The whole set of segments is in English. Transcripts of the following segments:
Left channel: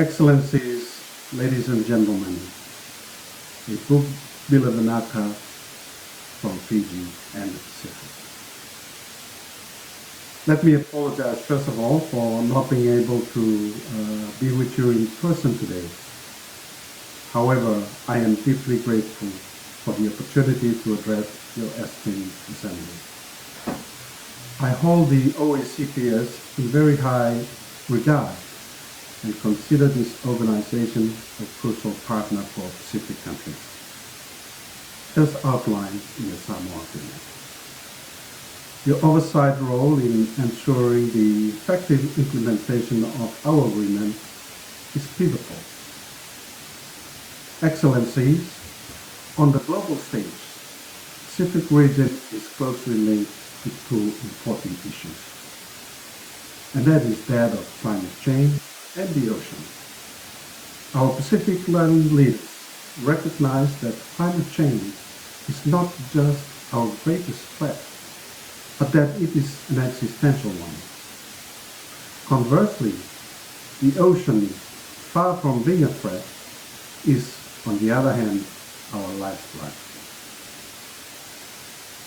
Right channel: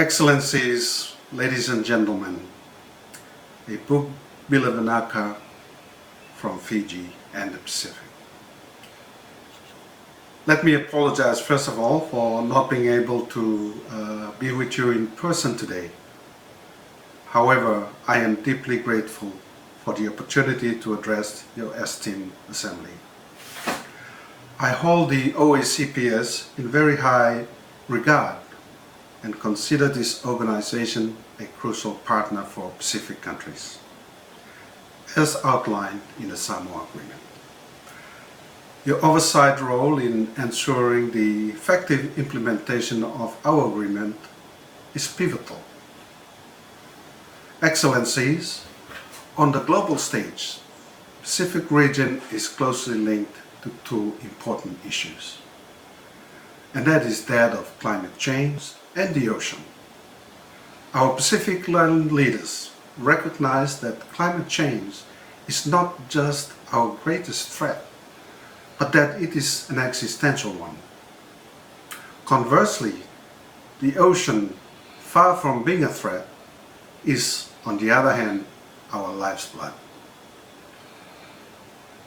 Excellencies, ladies and gentlemen, Ibu Biladanaka from Fiji and the Pacific. Let me apologize first of all for not being able to be with you in person today. However, I am deeply grateful for the opportunity to address your esteemed assembly. I hold the OACPS in very high regard and consider this organization a crucial partner for Pacific countries, as outlined in the Samoa Agreement. Your oversight role in ensuring the effective implementation of our agreement is pivotal. Excellencies, on the global stage, the Pacific region is closely linked to two important issues, and that is that of climate change and the ocean. Our Pacific Island leaders recognize that climate change is not just our greatest threat, but that it is an existential one. Conversely, the ocean, far from being a threat, is, on the other hand, our lifeblood.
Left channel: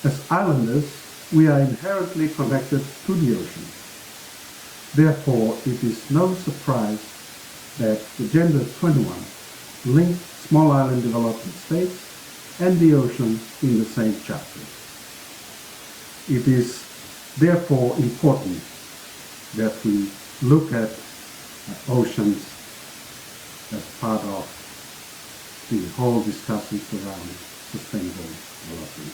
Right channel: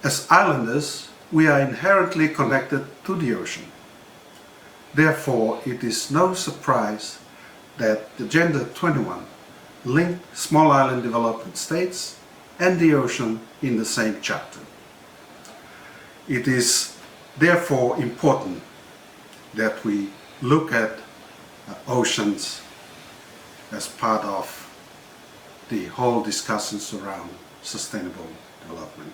As islanders, we are inherently connected to the ocean. Therefore, it is no surprise that Agenda 21 linked small island development states and the ocean in the same chapter. It is therefore important that we look at oceans as part of the whole discussions around sustainable development.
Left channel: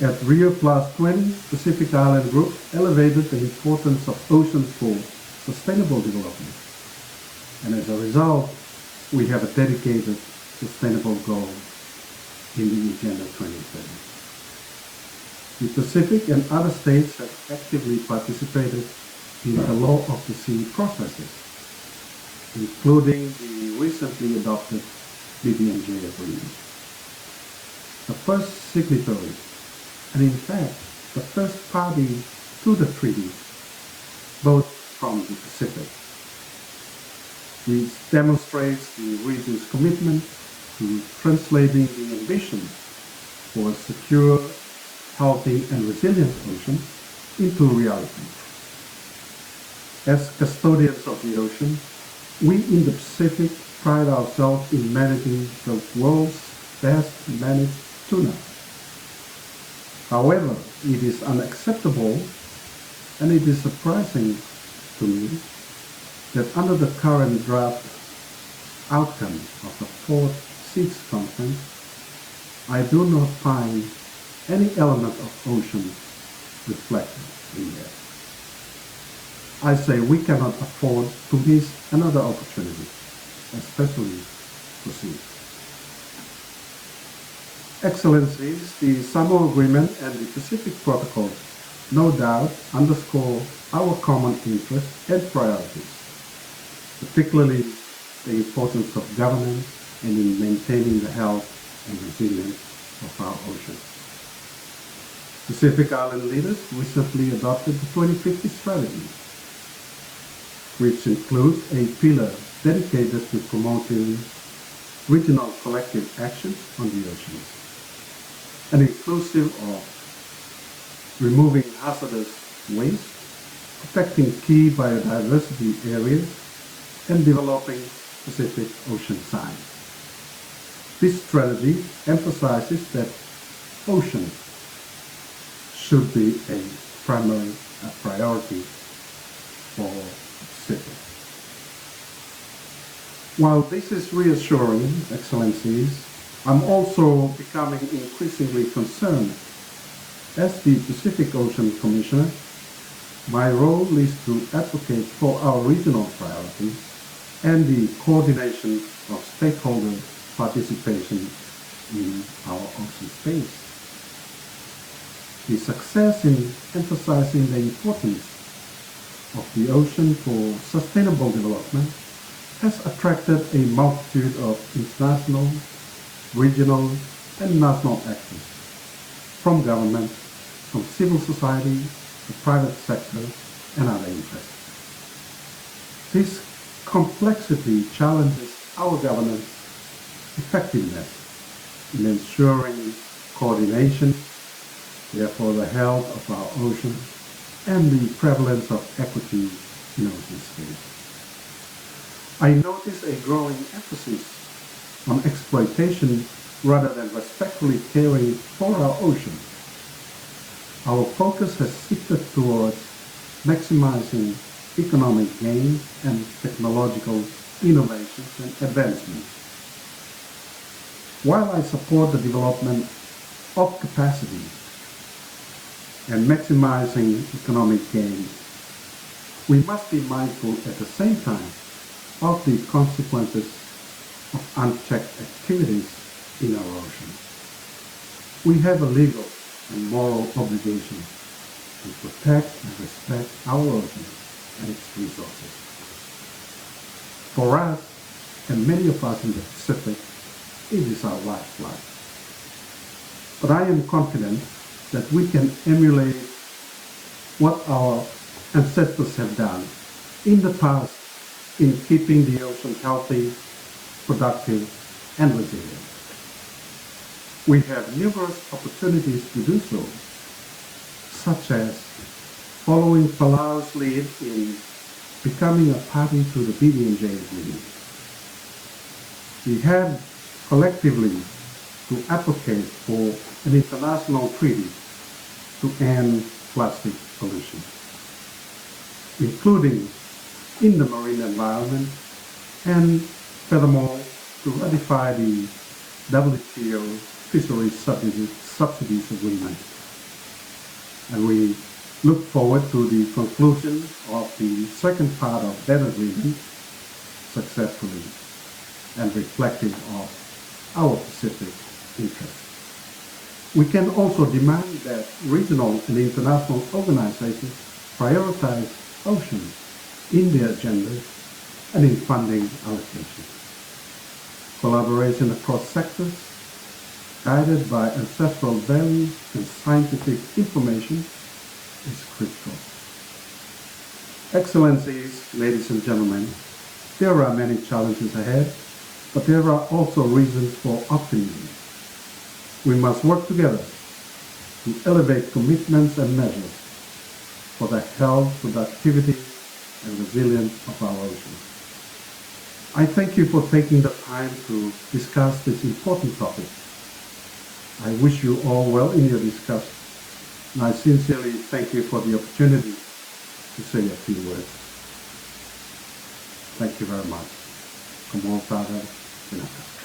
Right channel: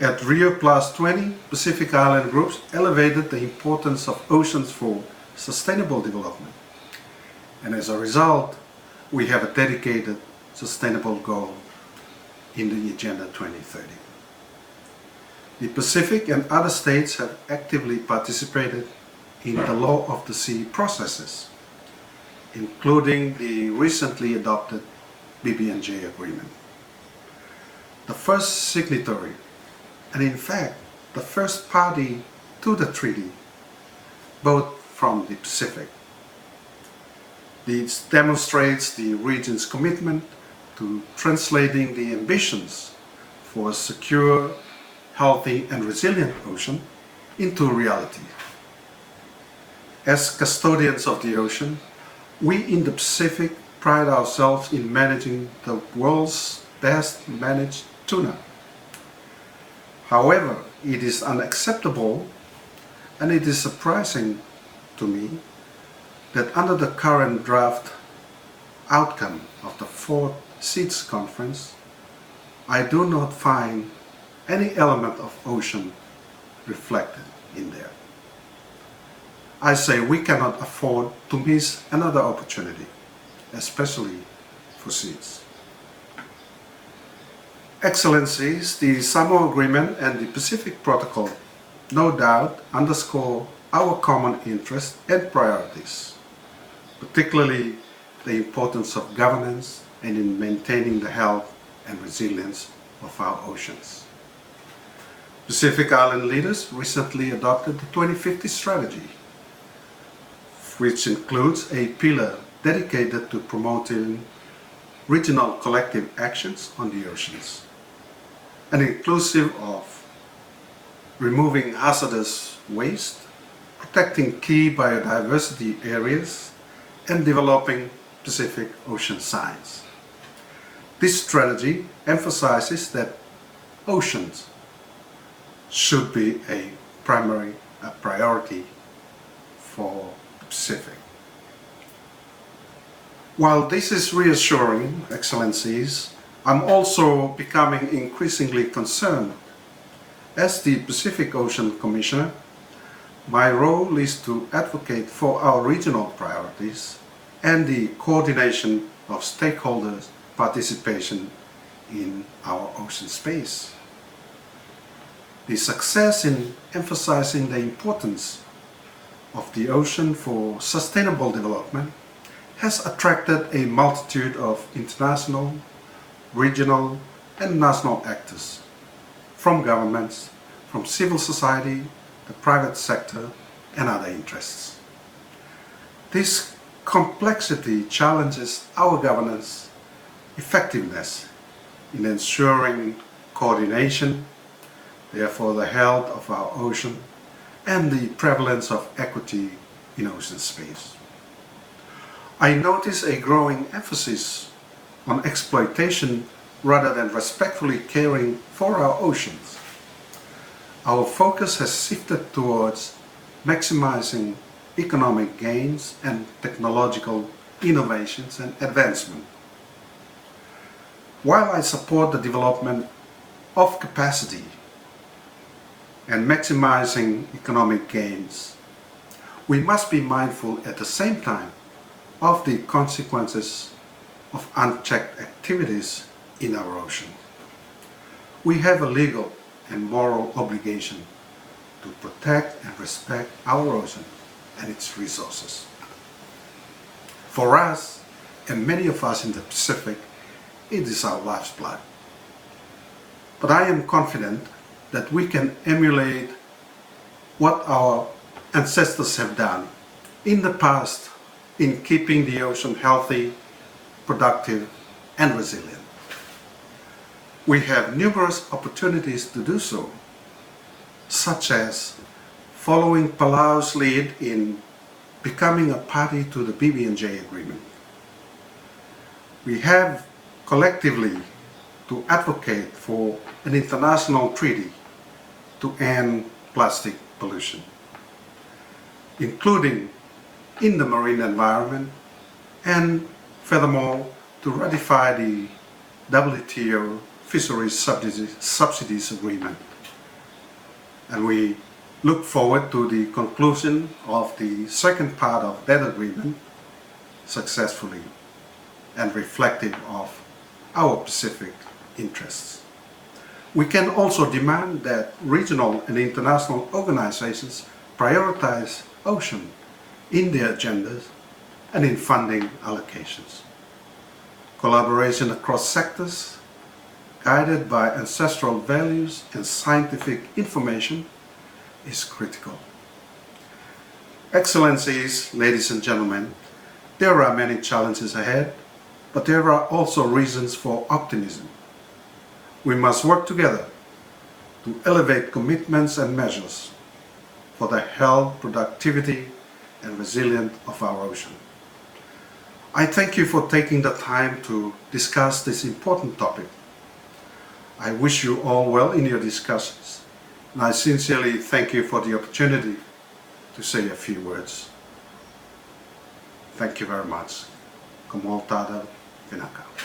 At Rio Plus 20, Pacific Island groups elevated the importance of oceans for sustainable development. And as a result, we have a dedicated sustainable goal in the Agenda 2030. The Pacific and other states have actively participated in the Law of the Sea processes, including the recently adopted BBNJ agreement. The first signatory, and in fact the first party to the treaty, both from the Pacific. This demonstrates the region's commitment to translating the ambitions for a secure, healthy and resilient ocean into reality. As custodians of the ocean, we in the Pacific pride ourselves in managing the world's best managed tuna. However, it is unacceptable and it is surprising to me that under the current draft outcome of the Fourth Seas Conference, I do not find any element of ocean reflected in there. I say we cannot afford to miss another opportunity, especially for seas. Excellencies, the Samoa Agreement and the Pacific Protocol no doubt underscore our common interests and priorities, particularly the importance of governance and in maintaining the health and resilience of our oceans. Pacific Island leaders recently adopted the 2050 strategy, which includes a pillar dedicated to promoting regional collective actions on the oceans, and inclusive of removing hazardous waste, protecting key biodiversity areas, and developing Pacific ocean science. This strategy emphasizes that oceans should be a priority for the Pacific. While this is reassuring, Excellencies, I'm also becoming increasingly concerned. As the Pacific Ocean Commissioner, my role is to advocate for our regional priorities and the coordination of stakeholders' participation in our ocean space. The success in emphasizing the importance of the ocean for sustainable development has attracted a multitude of international, regional and national actors, from governments, from civil society, the private sector and other interests. This complexity challenges our governance effectiveness in ensuring coordination, therefore the health of our ocean, and the prevalence of equity in ocean space. I notice a growing emphasis on exploitation rather than respectfully caring for our oceans. Our focus has shifted towards maximizing economic gains and technological innovations and advancement. While I support the development of capacity and maximizing economic gains, we must be mindful at the same time of the consequences of unchecked activities in our ocean. We have a legal and moral obligation to protect and respect our ocean and its resources. For us, and many of us in the Pacific, it is our lifeblood. But I am confident that we can emulate what our ancestors have done in the past in keeping the ocean healthy, productive, and resilient. We have numerous opportunities to do so, such as following Palau's lead in becoming a party to the BB&J agreement. We have collectively to advocate for an international treaty to end plastic pollution, including in the marine environment, and furthermore to ratify the WTO fisheries subsidies agreement. And we look forward to the conclusion of the second part of that agreement successfully and reflective of our Pacific interests. We can also demand that regional and international organizations prioritize ocean in their agendas and in funding allocations. Collaboration across sectors, guided by ancestral values and scientific information, is critical. Excellencies, ladies and gentlemen, there are many challenges ahead, but there are also reasons for optimism. We must work together to elevate commitments and measures for the health, productivity, and resilience of our ocean. I thank you for taking the time to discuss this important topic. I wish you all well in your discussions, and I sincerely thank you for the opportunity to say a few words. Thank you very much. Kamual Tada Pinaka.